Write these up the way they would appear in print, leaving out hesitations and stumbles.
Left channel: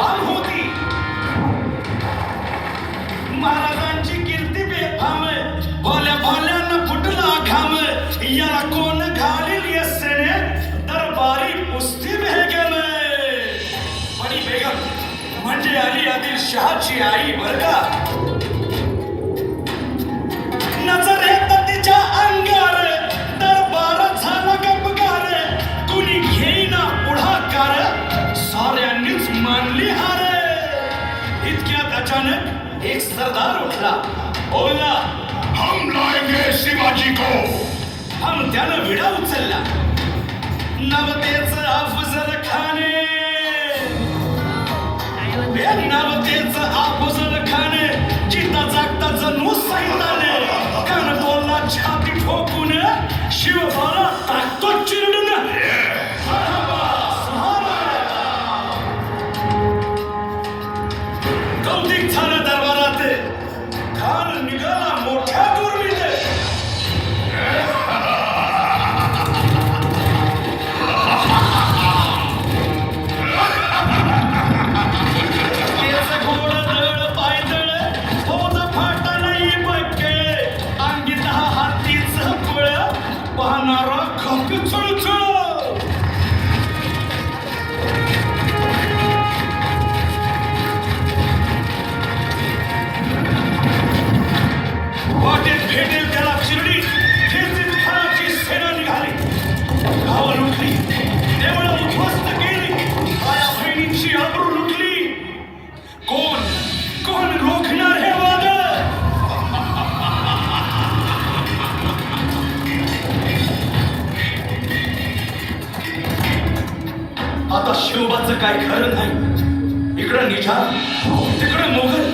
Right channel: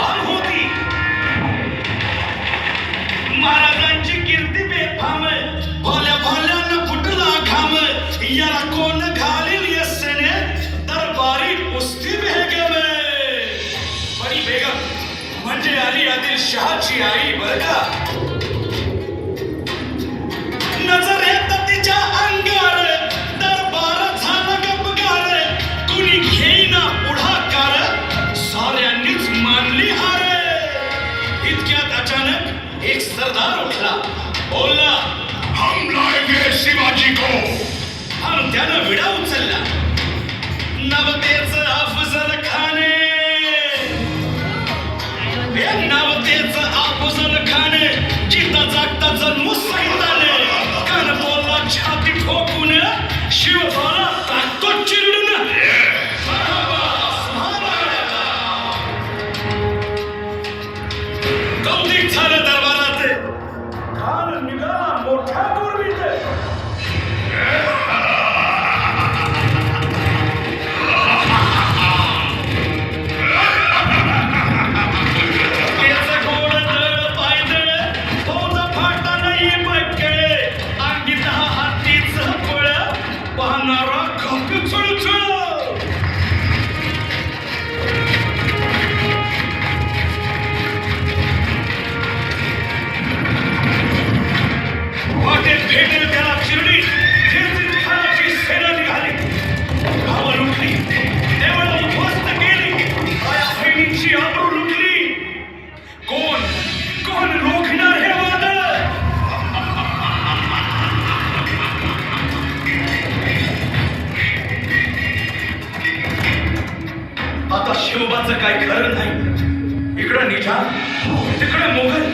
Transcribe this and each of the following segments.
बेफाम होती. महाराजांची कीर्ती बेफाम, भोल्या भोल्यानं फुटला घाम. याला कोण घालील यस्सेने दरबारी कुस्ती बेगम. परी बेगम म्हणजे अली आदिलशहाची आई बर का. नजर येत तिच्या अंगार, दरबार झाला गपगार. कुणी घेईना पुढाकार, साऱ्यांनीच मानली हार. इतक्यात अचानक एक सरदार उठला, बोलला, हम लाएंगे शिवाजी को. हम त्यानं विडा उचलला. नवतेचं अफजल खाने, नवतेचं अफजल खाने, जिता जागता जन्मू सैताने. कान बोलला छाती ठोकून, शिवबाला टाकतो चिरडून. कौतिक झालं दरबारात, खान निघाला मोठ्या दुर्मीत. केस गोड दळ पायदळ, फौज फाटा नाही बक्कळ. अंगी 10 हातीचं फळ, पाहणारा खप चुळचुळ. वाटेत भेटेल त्याला चिरडी, ठेचीत खानाची सेना निघाली. भाव लुटली, देवळा उद्ध्वस्त केली, माया बहिणीची आबरू लुटली. कोण कोण रोखणार हे वादळ. आता शिवबाचं काय खरं नाही. इकडं निजाम, तिकडं मोगल,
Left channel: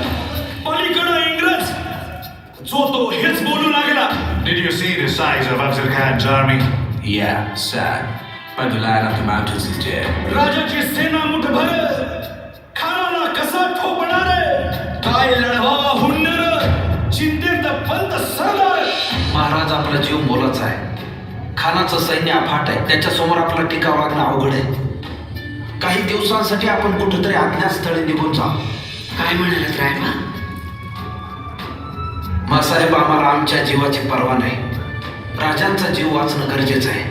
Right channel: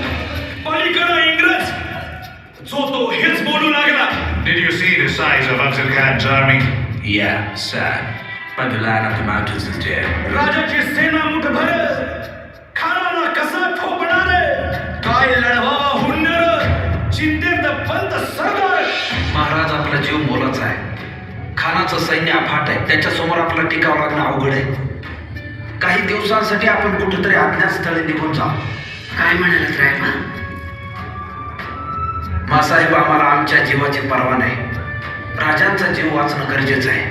पलीकडं इंग्रज. जो तो हेच बोलू लागला. Did you see the size of Afzal Khan's army? Yeah, sad. But the Lion of the Mountains is dead. राजाची सेना मुठभर, खानाला कसा ठोकणार. काय लढवा हुन्नर, चिंतेत पंत सरदार. महाराज आपला जीव मोलाचा आहे. खानाचं सैन्य अफाट आहे. त्याच्यासमोर आपला टिकाव लागणं अवघड आहे. काही दिवसांसाठी आपण कुठेतरी अज्ञातस्थळी निघून जाऊ. काय म्हणालात रायबा? मासाहेब, आम्हाला आमच्या जीवाची पर्वा नाही. राजांचा जीव वाचणं गरजेचं आहे.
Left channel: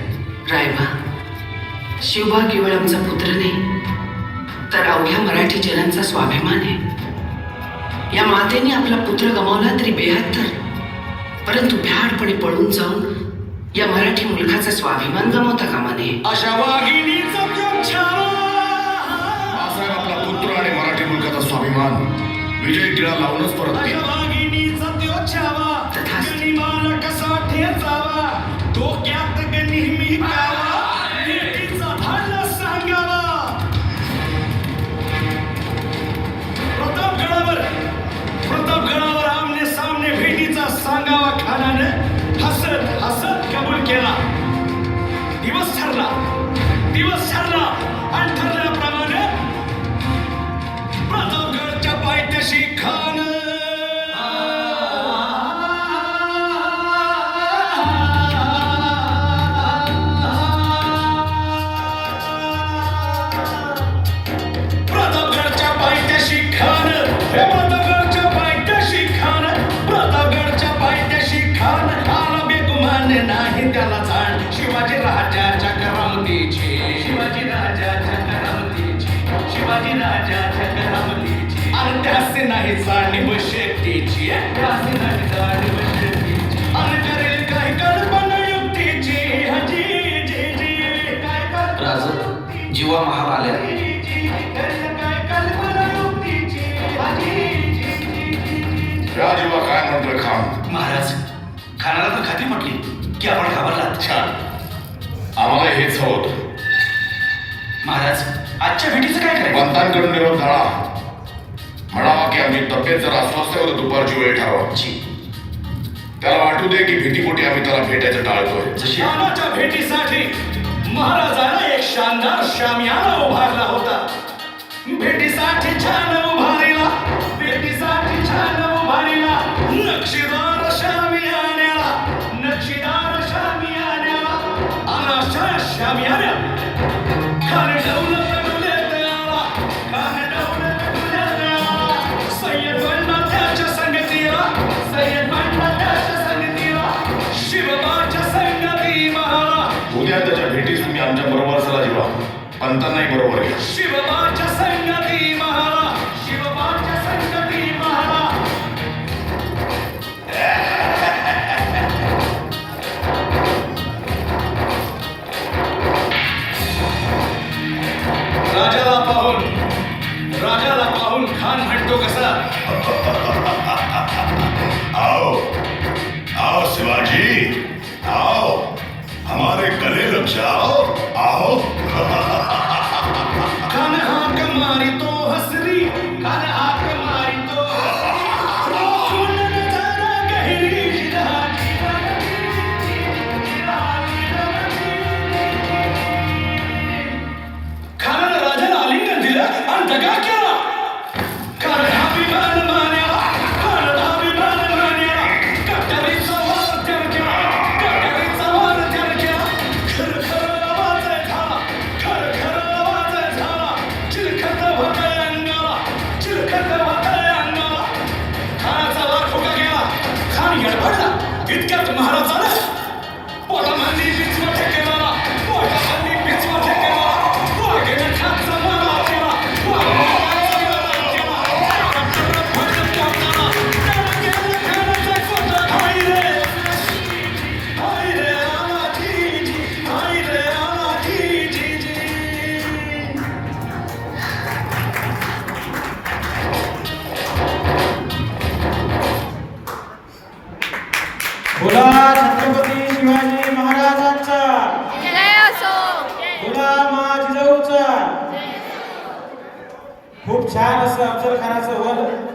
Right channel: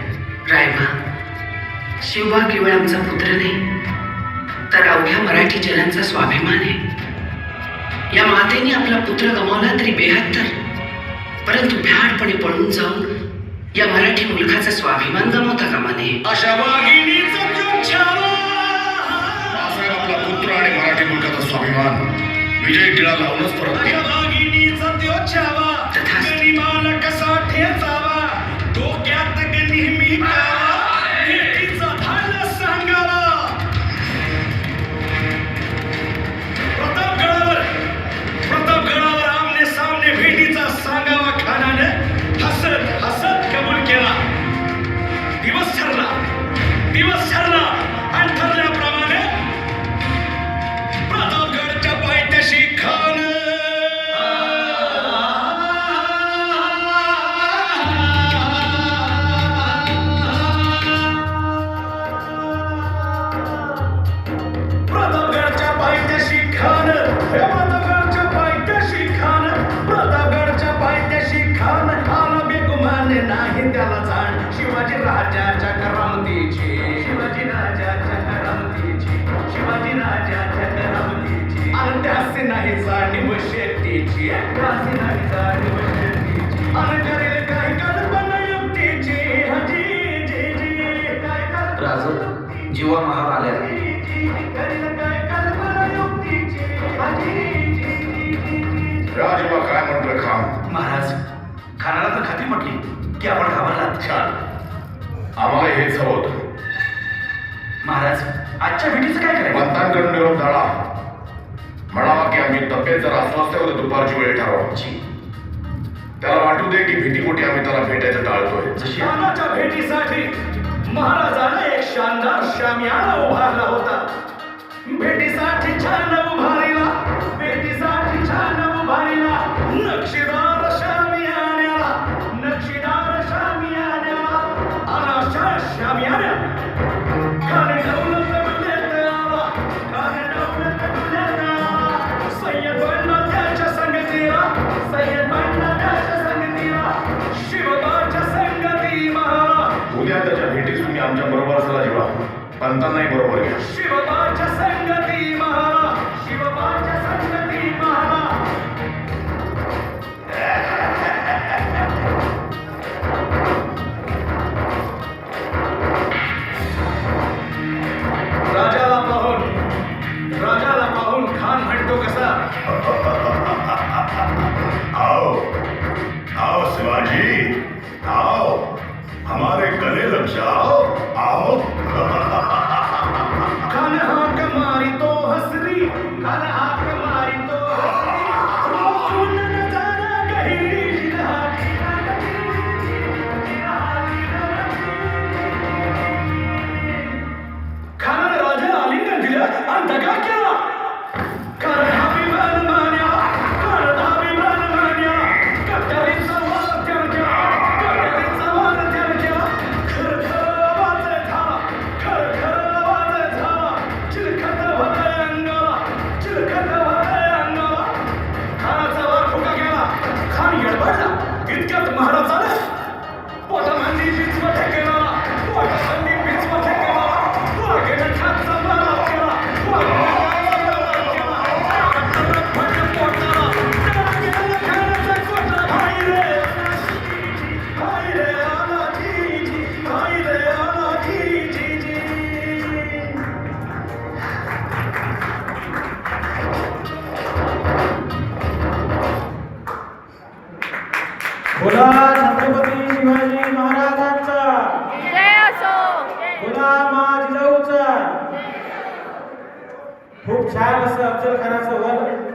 रायबा, शिवबा केवळ आमचा पुत्र नाही, तर अवघ्या मराठी जनांचा स्वाभिमान आहे. या मातेने आपला पुत्र गमावला तरी बेहत्तर, परंतु भ्याडपणे पळून जाऊन या मराठी मुलखाचा स्वाभिमान गमावता कामा नये. अशा वाघिणीचा तो छावा. मासाहेब, आपला पुत्र आणि मराठी मुलकाचा स्वाभिमान विजय टिळा लावूनच परत अशा केला. वाघिणीचा तो छावा, गनिमाला कसा ठेचावा. डोक्यात नेहमी कावा, भेटीचा भाला सांगावा. प्रतापगडावर आमने सामने भेटीचा सांगावा. खानाने हसत हसत कबूल केला. दिवस ठरला आणि ठरल्याप्रमाणे प्रतापगडच्या पायथ्याशी खान. प्रतापगडच्या पायथ्याशी खान, प्रतापगडच्या पायथ्याशी खान, प्रतापगडच्या पायथ्याशी खान. आला बेगुमान नाही त्याला जाण, शिवाजी राजाच्या करामतीची, शिवाजी राजाच्या करामतीची, शिवाजी राजाच्या करामतीची. आणि त्यासे नाही जाणीव शेतीची, त्यासे नाही जाणीव शेतीची. आणि करेल काही कल्पना युक्तीची. हजी जी जी काय कल्पना राजा, जीवा महाल आल्या. राजीबा काय म्हटलं खान? महाराज, खानाला तर खात्री म्हटली की आपण घाबरलात. छान, आम्हाला हेच हवं होतं. महाराज, आजच्या भेटीचं काय करायचं? पंतांकडून निरोप धाडा. म्हणावा की आम्ही तब्येत जर अस्वस्थ होतो, दुपारची वेळ ठरवायची. त्याला वाटू दे की भीतीपोटी आम्ही त्याला भेटायचं टाळतोय. जशी श्यामाच्या भेटीसाठी महाराजाने एक शानदार शामियाना उभारला होता. भेटीसाठी छान उभारीला, भेटीसाठी छान उभारीला. नक्षीदार शामियान्याला, नक्षीदार शामियान्याला. अनाशा शामियान्या खान ठेवलं, खान ठेवलं. आमच्या बरोबर चला जीवा पंतांनाही बरोबर घ्या शिवबाच्या संगती महारा शिवबाच्या संगती महारा राजाला पाहून खान म्हणतो कसा आओ आओ शिवाजी आओ हमारे गले लग जाओ आओ खान हाक मारी तो हसरी खान हाक मारी तो सुन नजारा गहिरी जिरहाटी खानाने राजाला आलिंगन दिलं आणि दगा केला खान हा विमान मान्या खान हा विमान मान्या कट्यारीचा वार त्याच्या कट्यारीचा वार त्याच्या खर खर आवाज झाला खर खर आवाज झाला चिलखत होतंय अंगाला चिलखत होतंय अंगाला खानाचा वार फुका गेला खान येडबडला इतक्यात महाराजानं पोटामांनी बिचवट केला पोटामांनी बिचवट केला वाघेने खानचा मारा केला बोला छत्रपती शिवाजी महाराजांचा जय असो बोला माँ जिजाऊचा खूप छान असं अफजल खानाचं वध